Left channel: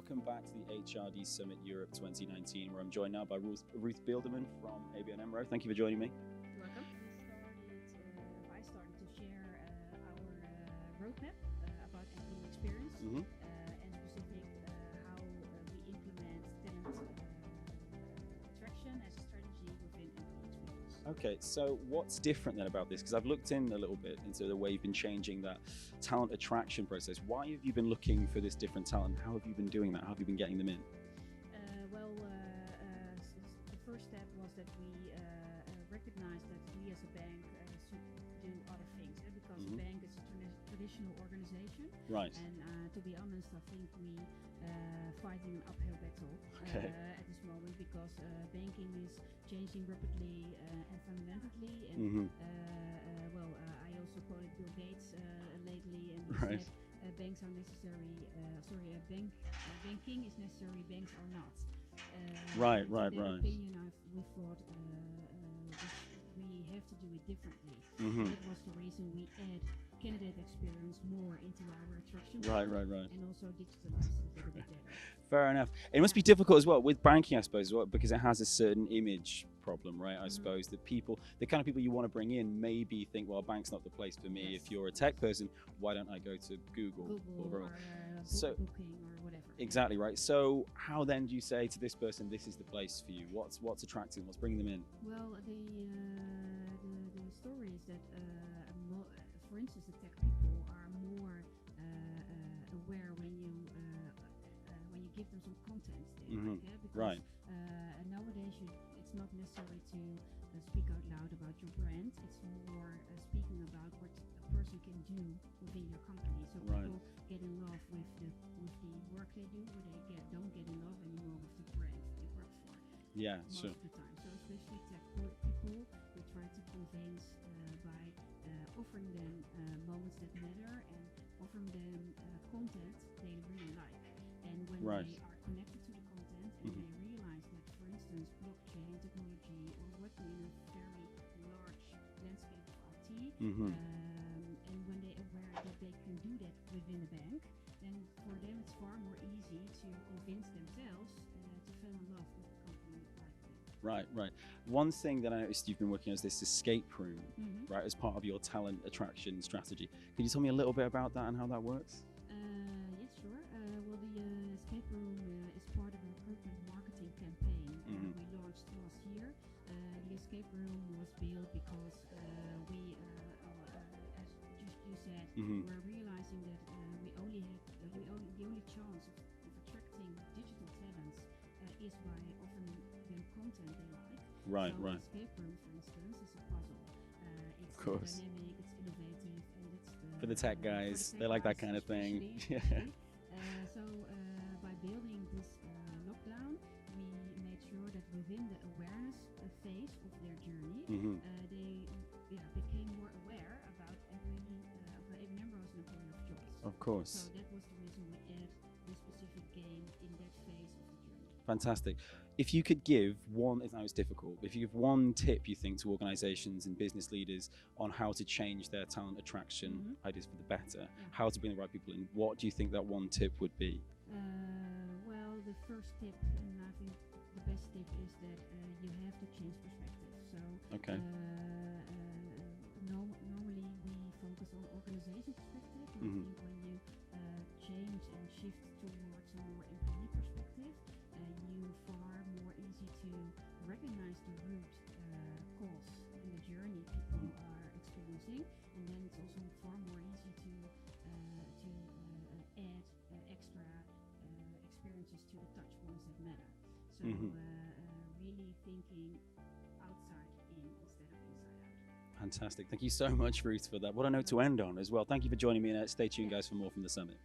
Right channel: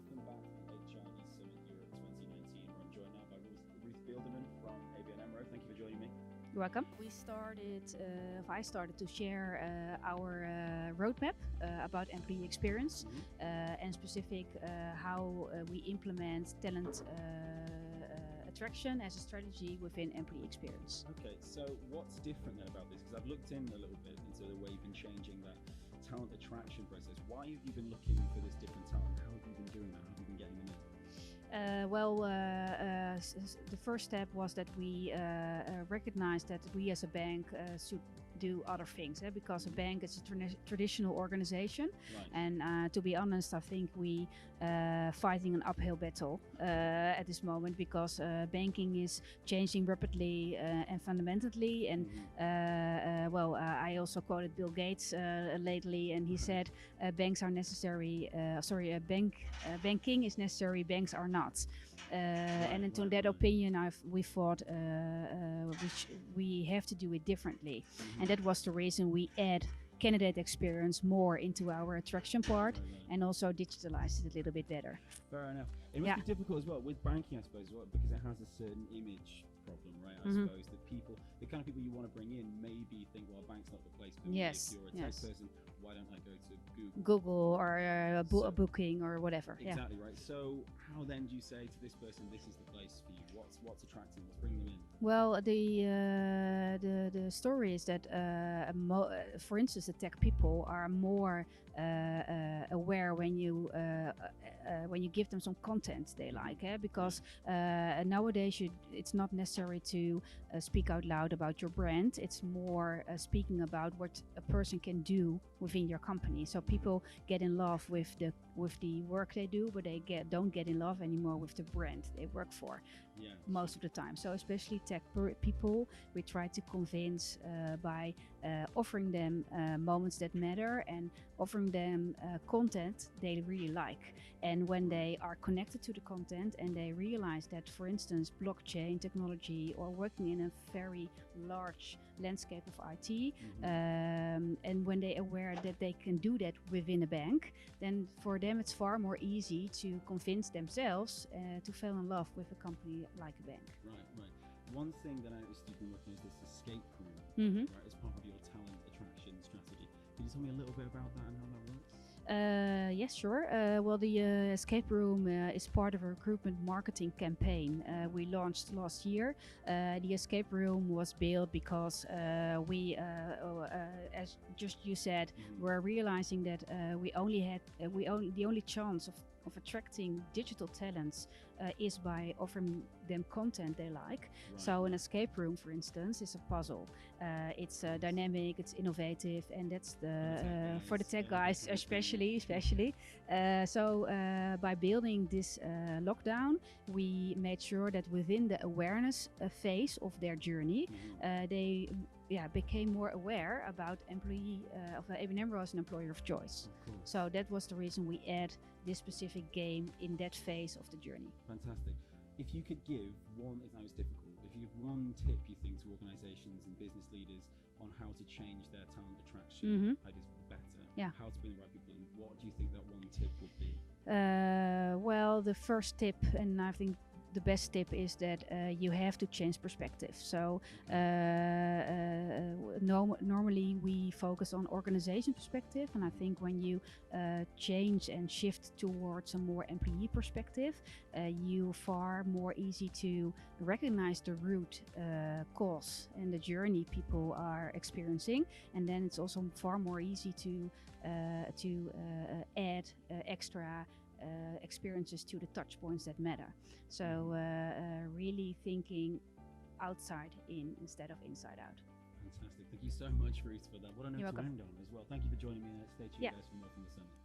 welcome back to the HRD Summit Europe 2019, where I'm joined now by Ruth Bielderman from ABN AMRO. Thank you for joining me. You're welcome. I started to share our roadmap about employee experience and specific how we implement talent attraction as a strategy within employee experience. Okay, so what's different then about this? Because I've looked in a little bit into the way you've been changing that talent attraction process. Why have you been looking for this different talent? How have you been doing that? How have you been getting them in? The first step was that we recognized that we as a bank should do other things, because a bank is a traditional organization, right. And to be honest, I think we fighting an uphill battle at this moment, because banking is changing rapidly and fundamentally, and I also quoted Bill Gates lately, and he said banks are necessary, banking is necessary, banks are not. And to that opinion, we thought we have to do it differently, and that was the reason we add candidate experience more into our attraction part, and also digitalize it a little bit better. Fair enough. It must be difficult as well with banking, I suppose, because it has a certain image problem, right? I suppose that the kind of people you want to bring in maybe think, well, bank's not the place for me. If you're a tech person, why don't I go to Google or Booking or whatever? Exactly, right. So how then do you say to this person, this is the place for you? What's attracting? What's bringing them in? Well, the story is that, for instance, the tech people are more aware when you give them some content they like, because nowadays it's not necessary to speak out loud about your brand. It's more speaking about what a person can do within your company. So people get in love with the work they do, but they don't get in love anymore with the brand they work for. Most of the time. So especially tech people, we try to convince by offering them moments that matter and offering them content they really like. And when they are connected to the content and they realize that, for instance, blockchain technology or working in a very large landscape of IT, and when they are aware that they can do that within a bank, then for them it's far more easy to convince themselves to fall in love with a company like a bank. Right. One thing that I noticed you've been working on is this escape room, right, as part of your talent attraction strategy. Can you tell me a little bit about that and how that works? Yes, sure. Well, the escape room is part of a recruitment marketing campaign we launched last year. The escape room was built because we, as just you said, we're realizing that the only chance of attracting digital talents is by offering them content they like. An escape room, for instance, is a puzzle. It's dynamic, it's innovative, and that's for the tech guys especially. By building this lockdown, we made sure that within the awareness phase of their journey, they became more aware about ABN AMRO as an employer of choice. Of course. So that was the reason we add this specific game in that phase of the journey. Fantastic. If you could give one, if that was difficult, if you give one tip you think to organizations and business leaders on how to change their talent attraction ideas for the better, how to bring the right people in, what do you think that one tip would be? Well, the first tip, and I think the best tip, is that you have to change perspective. So normally we focus on organization perspective, and I think when you change and shift towards a more employee perspective, you far more easy to recognize the root cause and the journey people are experiencing, and then it's also far more easy to add extra experiences to the touch points that matter. So really thinking outside in instead of inside out. Fantastic. Thank you so much, Ruth, for that. What a note to end on as well. Thank you for joining me, and stay tuned, guys, for more from the summit.